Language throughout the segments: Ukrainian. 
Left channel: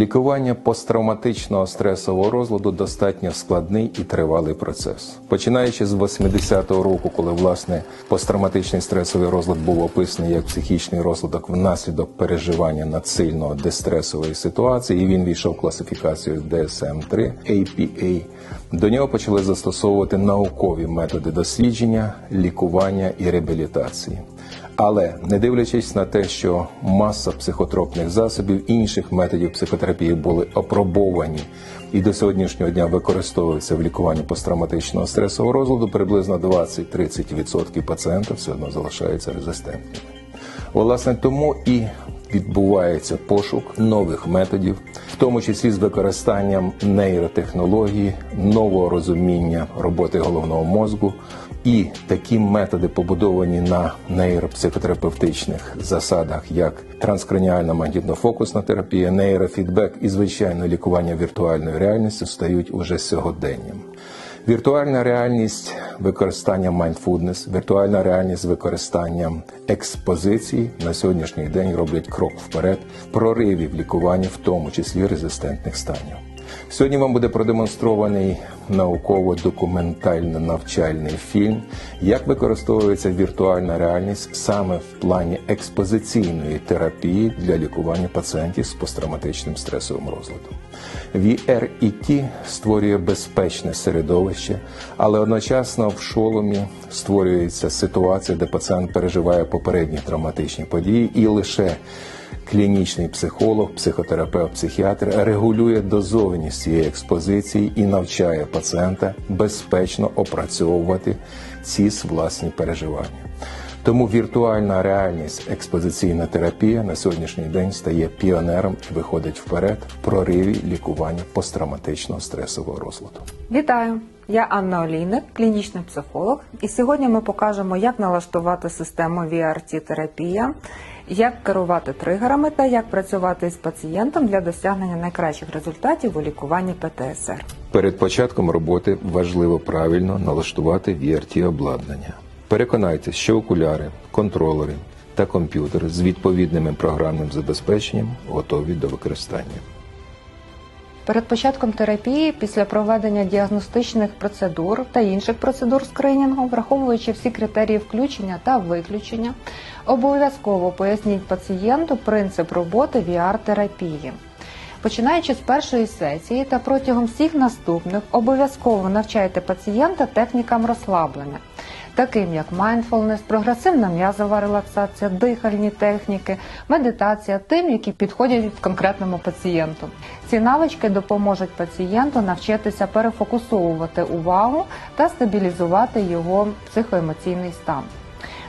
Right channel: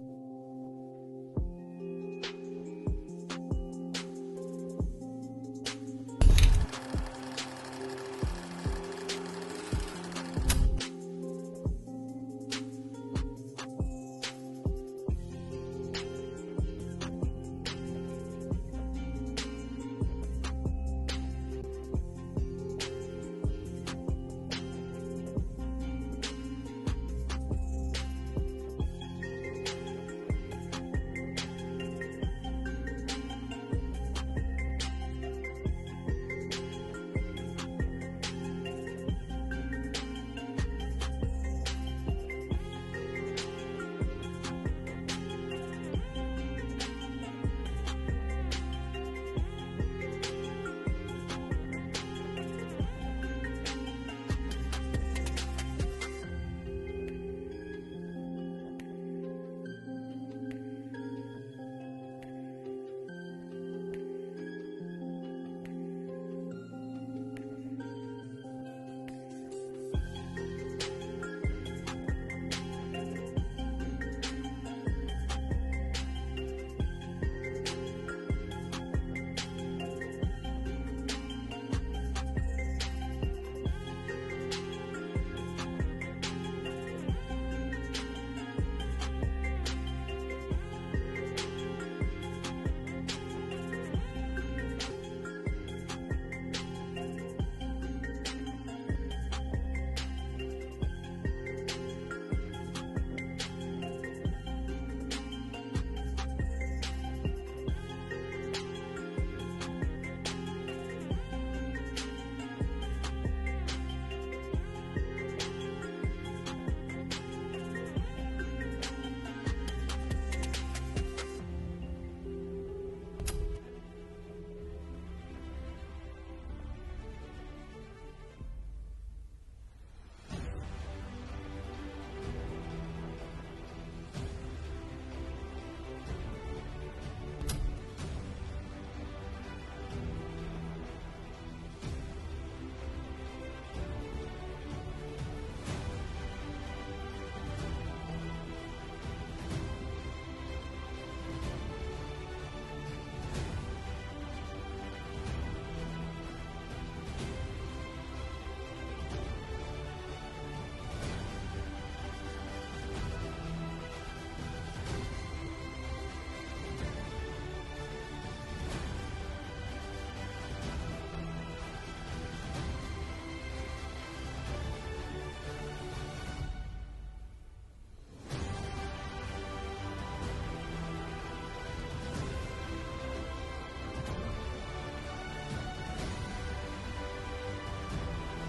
Лікування посттравматичного стресового розладу достатньо складний і тривалий процес. Починаючи з 80-го року, коли власне посттравматичний стресовий розлад був описаний як психічний розвиток внаслідок переживання надсильного дистресової ситуації, і він війшов в класифікацію DSM-3 APA. До нього почали застосовувати наукові методи дослідження, лікування і реабілітації. Але не дивлячись на те, що маса психотропних засобів інших методів психотерапії були опробовані і до сьогоднішнього дня використовуються в лікуванні посттравматичного стресового розладу, приблизно 20-30% пацієнтів все одно залишаються резистентними. Власне, тому і відбувається пошук нових методів, тому числі з використанням нейротехнології, нового розуміння роботи головного мозку. І такі методи побудовані на нейропсихотерапевтичних засадах, як транскраніальна магнітно-фокусна терапія, нейрофідбек і звичайно лікування віртуальною реальністю стають уже сьогоденням. Віртуальна реальність використання mindfulness, віртуальна реальність з використанням експозицій на сьогоднішній день роблять крок вперед проривів лікування, в тому числі резистентних станів. Сьогодні вам буде продемонстрований науково-документально-навчальний фільм, як використовується віртуальна реальність саме в плані експозиційної терапії для лікування пацієнтів з посттравматичним стресовим розладом. VRET створює безпечне середовище, але одночасно в шоломі створюється ситуація, де пацієнт переживає попередні травматичні події, і лише клінічний психолог, психотерапевт, психіатр регулює дозованість цієї експозиції і навчає пацієнта безпечно опрацьовувати ці власні переживання. Тому віртуальна реальність, експозиційна терапія на сьогоднішній день стає піонером виходить вперед в прориві лікування посттравматичного стресового розладу. Вітаю! Я Анна Олійник, клінічний психолог, і сьогодні ми покажемо, як налаштувати систему VRT-терапія, як керувати тригерами та як працювати з пацієнтом для досягнення найкращих результатів у лікуванні ПТСР. Перед початком роботи важливо правильно налаштувати VRT обладнання. Переконайтесь, що окуляри, контролери та комп'ютер з відповідними програмним забезпеченням готові до використання. Перед початком терапії, після проведення діагностичних процедур та інших процедур скринінгу, враховуючи всі критерії включення та виключення, обов'язково поясніть пацієнту принцип роботи VR-терапії. Починаючи з першої сесії та протягом всіх наступних, обов'язково навчайте пацієнта технікам розслаблення, таким як mindfulness, прогресивна м'язова релаксація, дихальні техніки, медитація, тим, які підходять конкретному пацієнту. Ці навички допоможуть пацієнту навчитися перефокусовувати увагу та стабілізувати його психоемоційний стан.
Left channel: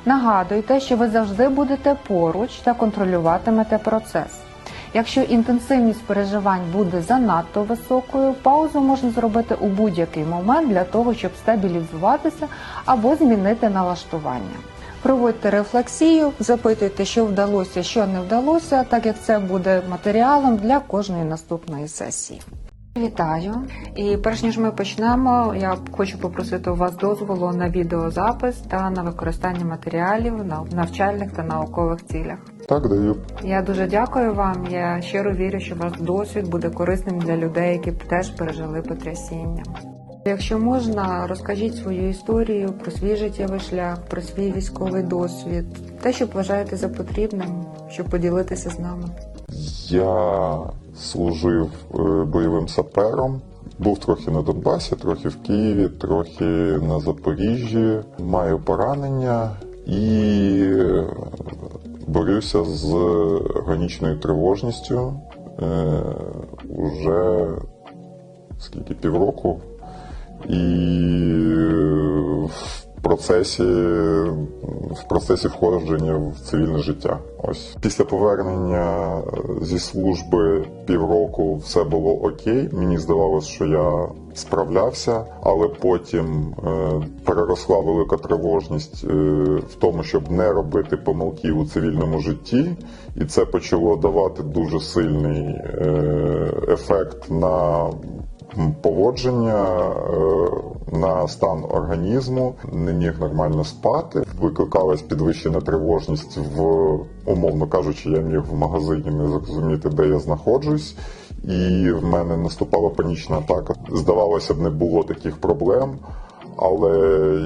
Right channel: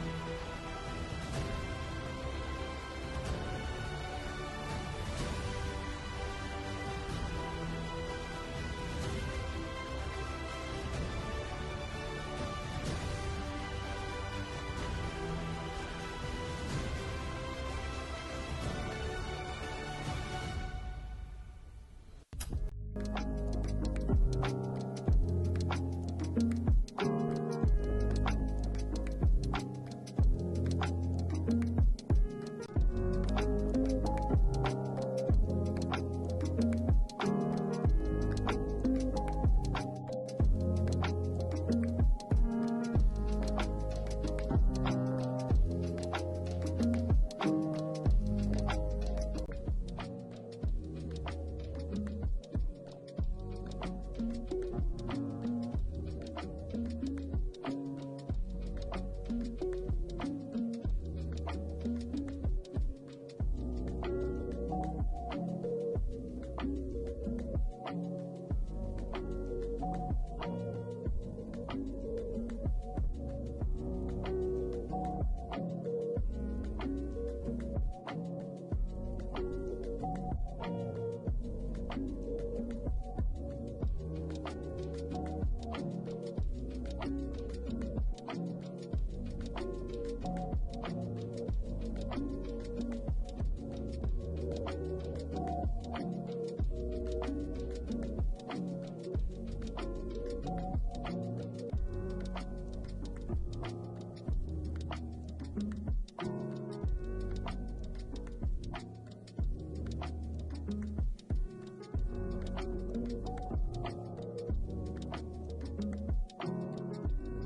Нагадуйте, що ви завжди будете поруч та контролюватимете процес. Якщо інтенсивність переживань буде занадто високою, паузу можна зробити у будь-який момент для того, щоб стабілізуватися або змінити налаштування. Проводьте рефлексію, запитуйте, що вдалося, що не вдалося, так як це буде матеріалом для кожної наступної сесії. Вітаю! І перш ніж ми почнемо, я хочу попросити у вас дозволу на відеозапис та на використання матеріалів на навчальних та наукових цілях. Так, даю. Я дуже дякую вам. Я щиро вірю, що ваш досвід буде корисним для людей, які б теж пережили потрясіння. Якщо можна, розкажіть свою історію про свій життєвий шлях, про свій військовий досвід, те, що вважаєте за потрібним, щоб поділитися з нами. Я служив е, бойовим сапером. Був трохи на Донбасі, трохи в Києві, трохи на Запоріжжі. Маю поранення і е, борюся з органічною тривожністю е, уже скільки півроку. І процесі, в процесі входження в цивільне життя. Ось після повернення зі служби півроку все було окей. Мені здавалося, що я справлявся, але потім е, переросла велика тривожність е, в тому, щоб не робити помилки у цивільному житті, і це почало давати дуже сильний е, ефект на поводження. е, на стан організму, не міг нормально спати. Викликалась підвищена тривожність в умовно кажучи, я міг в магазині не зрозуміти, де я знаходжусь, і в мене наступала панічна атака. Здавалося б, не було таких проблем. Але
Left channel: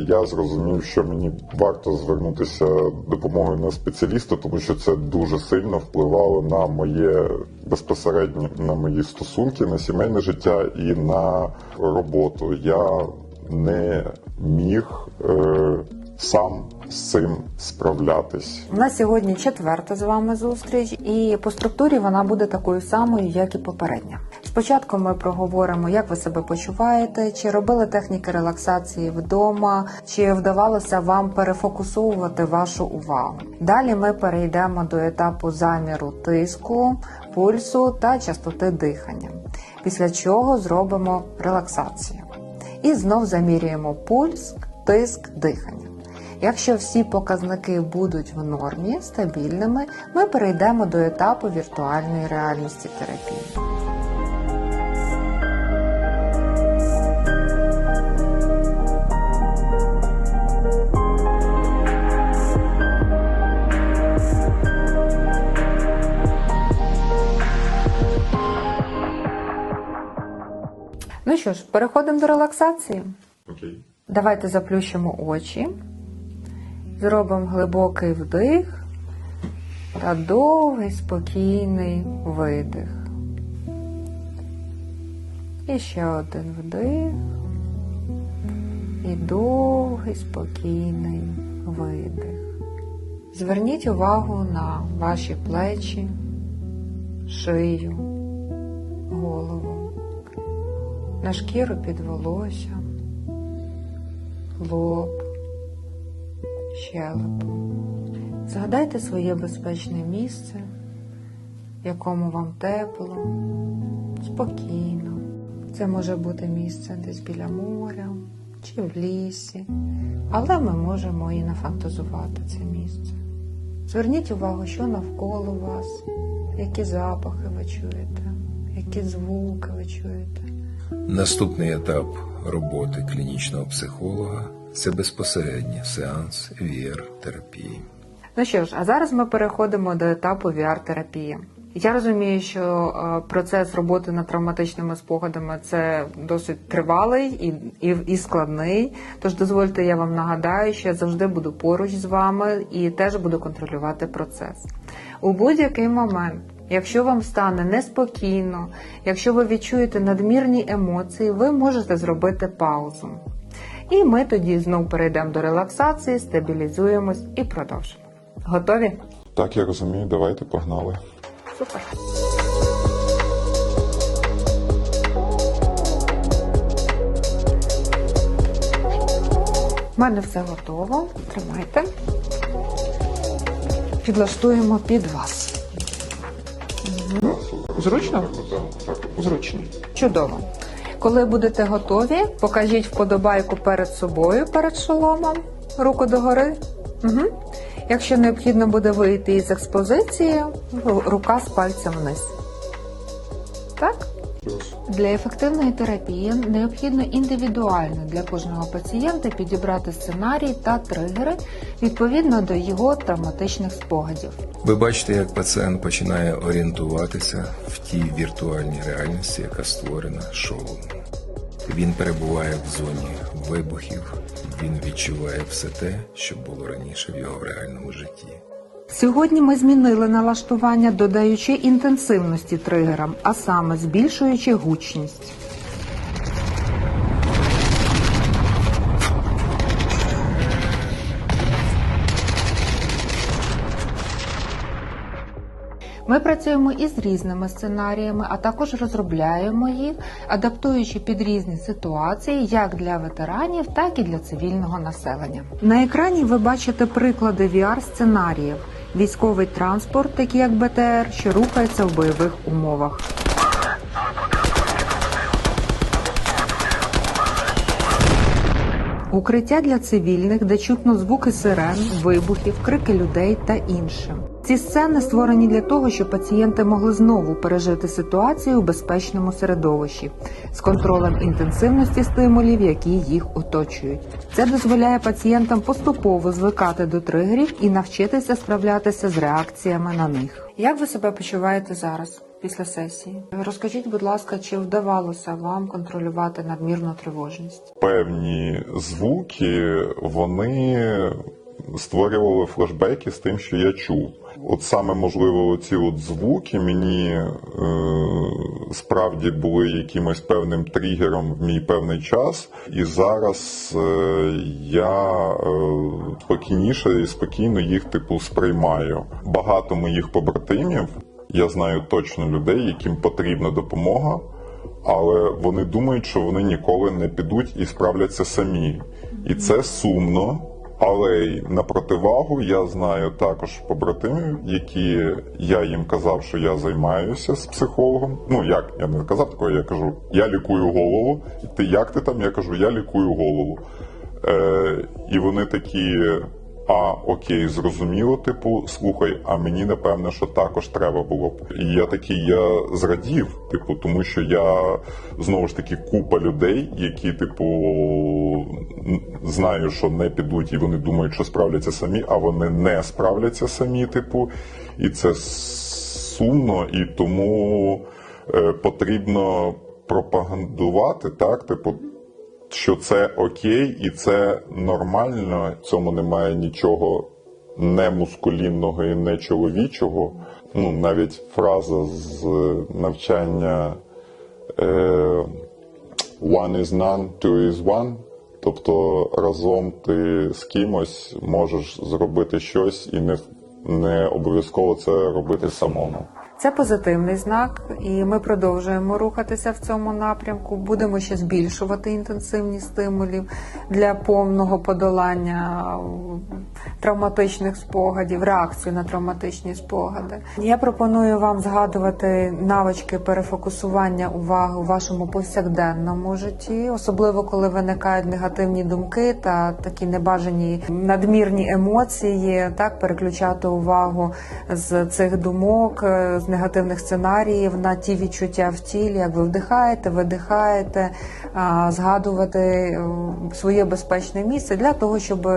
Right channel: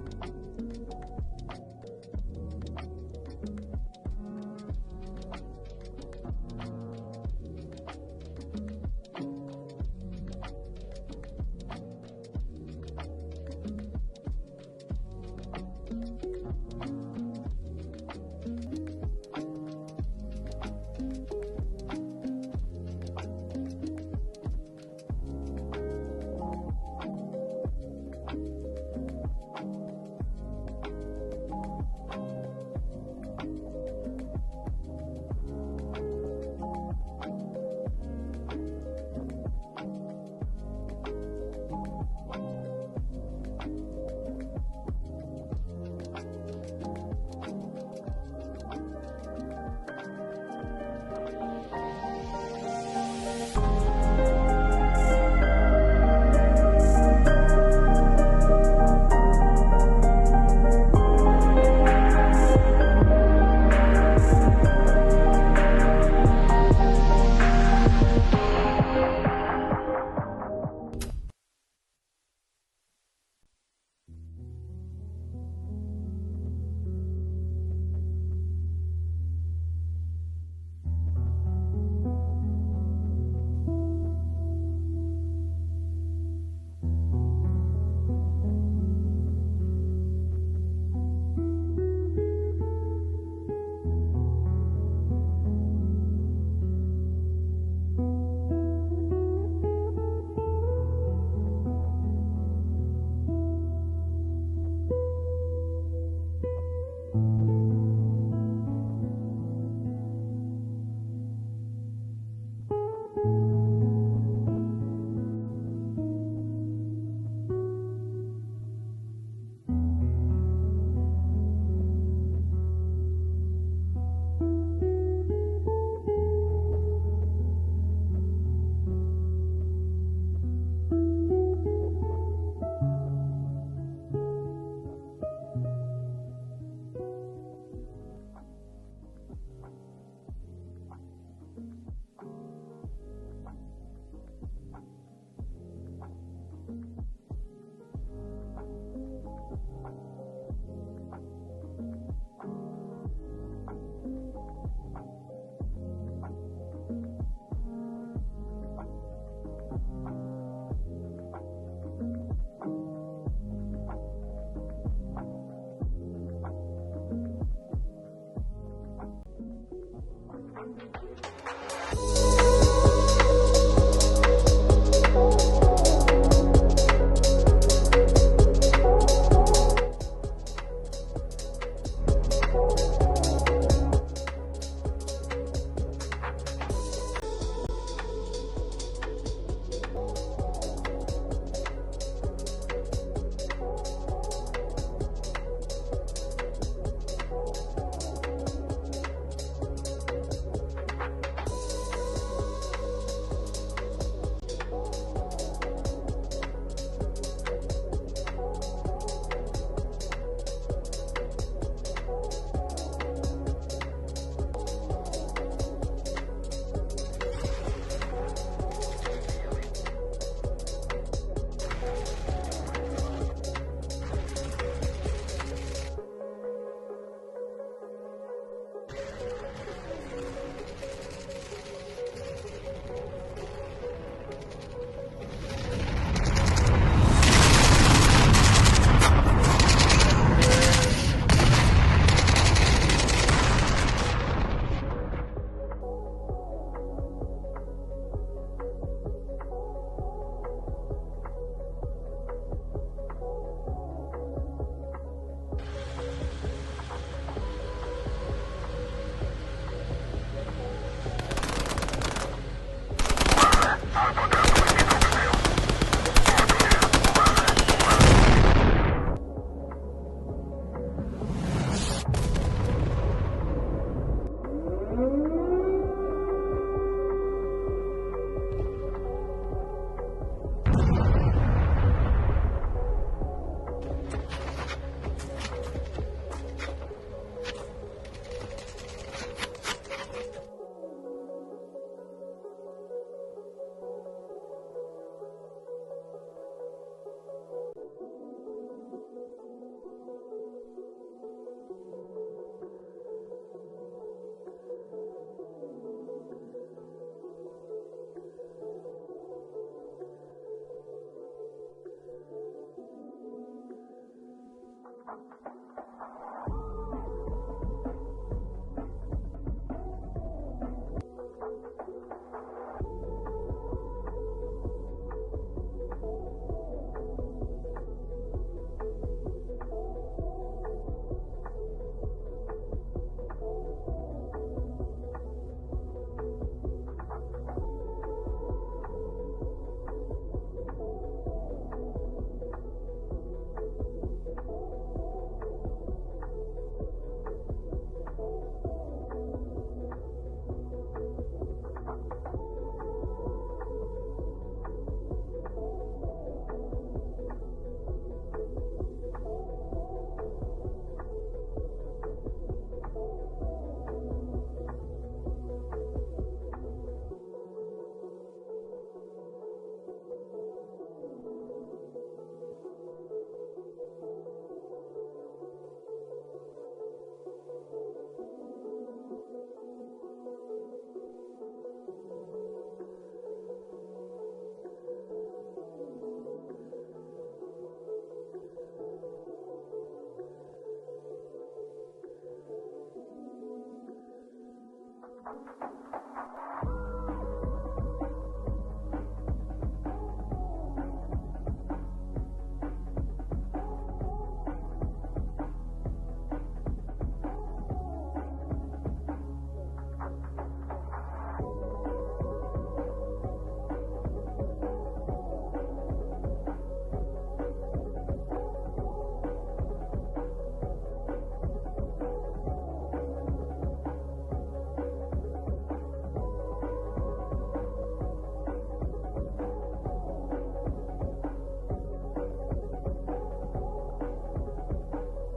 я зрозумів, що мені варто звернутися допомогою на спеціаліста, тому що це дуже сильно впливало на моє безпосередньо на мої стосунки, на сімейне життя і на роботу. Я не міг е, сам з цим справлятись. У нас сьогодні четверта з вами зустріч, і по структурі вона буде такою самою, як і попередня. Спочатку ми проговоримо, як ви себе почуваєте, чи робили техніки релаксації вдома, чи вдавалося вам перефокусовувати вашу увагу. Далі ми перейдемо до етапу заміру тиску, пульсу та частоти дихання. Після чого зробимо релаксацію. І знов замірюємо пульс, тиск, дихання. Якщо всі показники будуть в нормі, стабільними, ми перейдемо до етапу віртуальної реальності терапії. Що ж, переходимо до релаксації. Окей. Давайте заплющимо очі, зробимо глибокий вдих та довгий спокійний видих. І ще один вдих і довгий спокійний видих. Зверніть увагу на ваші плечі, шию, на шкіру під волоссям лоб, щелепу. Згадайте своє безпечне місце, в якому вам тепло, спокійно. Це може бути місце десь біля моря чи в лісі, але ми можемо і нафантазувати це місце. Зверніть увагу, що навколо вас, які запахи ви чуєте, які звуки. Наступний етап роботи клінічного психолога це безпосередній сеанс VR-терапії. Ну що ж, а зараз ми переходимо до етапу VR-терапії. Я розумію, що е, процес роботи над травматичними спогадами це досить тривалий і, і, і складний. Тож дозвольте, я вам нагадаю, що я завжди буду поруч з вами і теж буду контролювати процес. У будь-який момент, якщо вам стане неспокійно, якщо ви відчуєте надмірні емоції, ви можете зробити паузу. І ми тоді знову перейдемо до релаксації, стабілізуємось і продовжимо. Готові? Так, я розумію, давайте погнали. Супер. У мене все готово. Тримайте. Підлаштуємо під вас. Зручно? Зручно. Чудово. Коли будете готові, покажіть вподобайку перед собою, перед шоломом, руку догори. Угу. Якщо необхідно буде вийти із експозиції, рука з пальцем вниз. Для ефективної терапії необхідно індивідуально для кожного пацієнта підібрати сценарій та тригери відповідно до його травматичних спогадів. Ви бачите, як пацієнт починає орієнтуватися в тій віртуальній реальності, яка створена шоу. Він перебуває в зоні вибухів, він відчуває все те, що було раніше в його реальному житті. Сьогодні ми змінили налаштування, додаючи інтенсивності тригерам, а саме збільшуючи гучність. Ми працюємо із різними сценаріями, а також розробляємо їх, адаптуючи під різні ситуації як для ветеранів, так і для цивільного населення. На екрані ви бачите приклади VR-сценаріїв: військовий транспорт, такий як БТР, що рухається в бойових умовах. Укриття для цивільних, де чутно звуки сирен, вибухів, крики людей та інше. Ці сцени створені для того, щоб пацієнти могли знову пережити ситуацію у безпечному середовищі з контролем інтенсивності стимулів, які їх оточують. Це дозволяє пацієнтам поступово звикати до тригерів і навчитися справлятися з реакціями на них. Як ви себе почуваєте зараз? Після сесії розкажіть, будь ласка, чи вдавалося вам контролювати надмірну тривожність? Певні звуки вони створювали флешбеки з тим, що я чув. От саме можливо, ці от звуки мені е, справді були якимось певним тригером в мій певний час, і зараз е, я е, спокійніше і спокійно їх типу сприймаю. Багато моїх побратимів, я знаю точно людей, яким потрібна допомога, але вони думають, що вони ніколи не підуть і справляться самі. І це сумно. Але на противагу я знаю також побратимів, які я їм казав, що я займаюся з психологом. Ну як я не казав такого, я кажу, я лікую голову. Ти як ти там? Я кажу, я лікую голову. Е, і вони такі. А окей, зрозуміло, типу, слухай, а мені напевно, що також треба було б. І я такий, я зрадів, типу, тому що я знову ж таки купа людей, які, типу, знаю, що не підуть, і вони думають, що справляться самі, а вони не справляться самі, типу, і це сумно, і тому е, потрібно пропагандувати, так, типу, що це окей і це нормально, цьому немає нічого не мускулінного і не чоловічого. Ну, навіть фраза з навчання е, one is none, two is one. Тобто разом ти з кимось можеш зробити щось і не, не обов'язково це робити самому. Це позитивний знак, і ми продовжуємо рухатися в цьому напрямку. Будемо ще збільшувати інтенсивність стимулів для повного подолання травматичних спогадів, реакцію на травматичні спогади. Я пропоную вам згадувати навички перефокусування уваги у вашому повсякденному житті, особливо коли виникають негативні думки та такі небажані надмірні емоції, так переключати увагу з цих думок, е, з негативних сценаріїв на ті відчуття в тілі, як ви вдихаєте, видихаєте, згадувати е, своє безпечне місце для того, щоб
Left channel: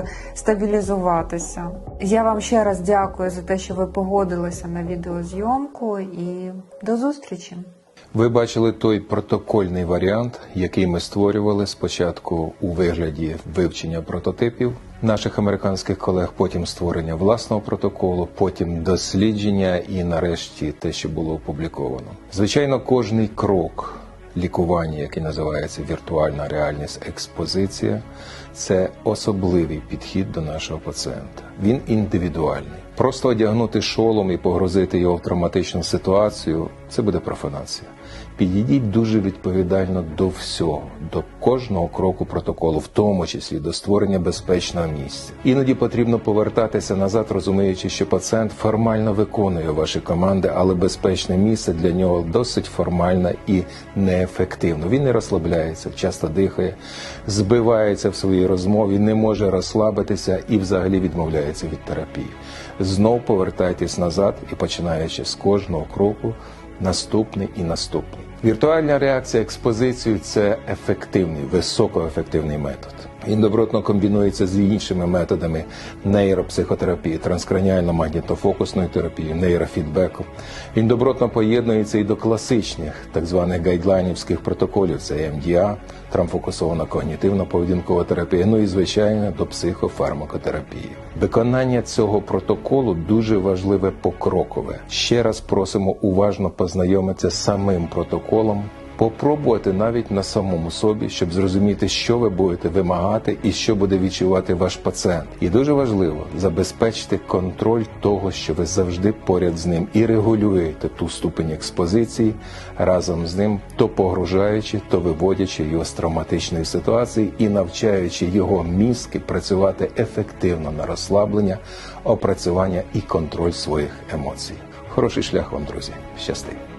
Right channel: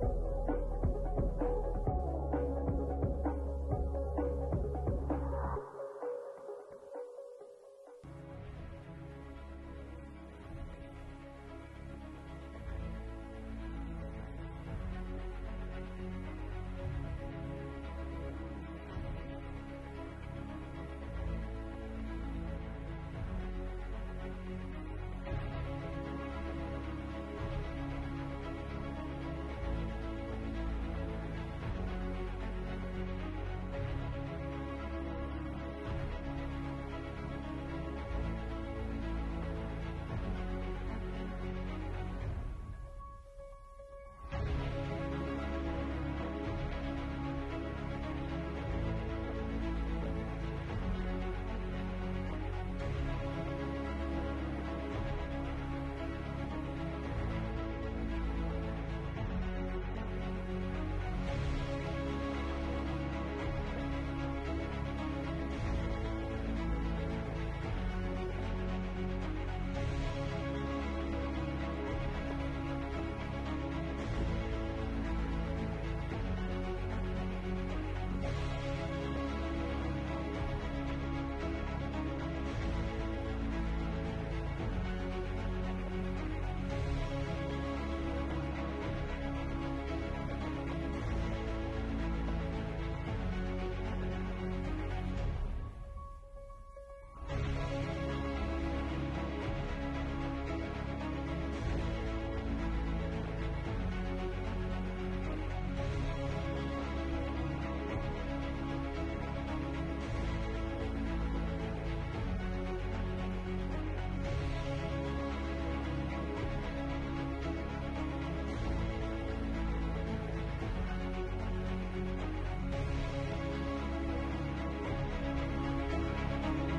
стабілізуватися. Я вам ще раз дякую за те, що ви погодилися на відеозйомку, і до зустрічі. Ви бачили той протокольний варіант, який ми створювали спочатку у вигляді вивчення прототипів наших американських колег, потім створення власного протоколу, потім дослідження і нарешті те, що було опубліковано. Звичайно, кожний крок лікування, який називається віртуальна реальність експозиція, це особливий підхід до нашого пацієнта. Він індивідуальний. Просто одягнути шолом і погрозити його в травматичну ситуацію це буде профанація. Підійдіть дуже відповідально до всього, до кожного кроку протоколу, в тому числі до створення безпечного місця. Іноді потрібно повертатися назад, розуміючи, що пацієнт формально виконує ваші команди, але безпечне місце для нього досить формальне і неефективно. Він не розслабляється, часто дихає, збивається в своїй розмові, не може розслабитися і взагалі відмовляється від терапії. Знов повертайтесь назад і починаючи з кожного кроку наступний і наступний. Віртуальна реакція експозицію це ефективний, високоефективний метод. Він добротно комбінується з іншими методами нейропсихотерапії, транскраніально-магнітофокусної терапії, нейрофідбеку. Він добротно поєднується і до класичних так званих гайдлайнівських протоколів. Це МДА, травмфокусована когнітивно-поведінкова терапія, ну і звичайно до психофармакотерапії. Виконання цього протоколу дуже важливе покрокове. Ще раз просимо уважно познайомитися з самим протоколом. Попробувати навіть на самому собі, щоб зрозуміти, що ви будете вимагати і що буде відчувати ваш пацієнт. І дуже важливо забезпечити контроль того, що ви завжди поряд з ним і регулюєте ту ступень експозиції разом з ним, то погружаючи, то виводячи його з травматичної ситуації і навчаючи його мізки працювати ефективно на розслаблення, опрацювання і контроль своїх емоцій. Хороший шлях вам, друзі. Щасти!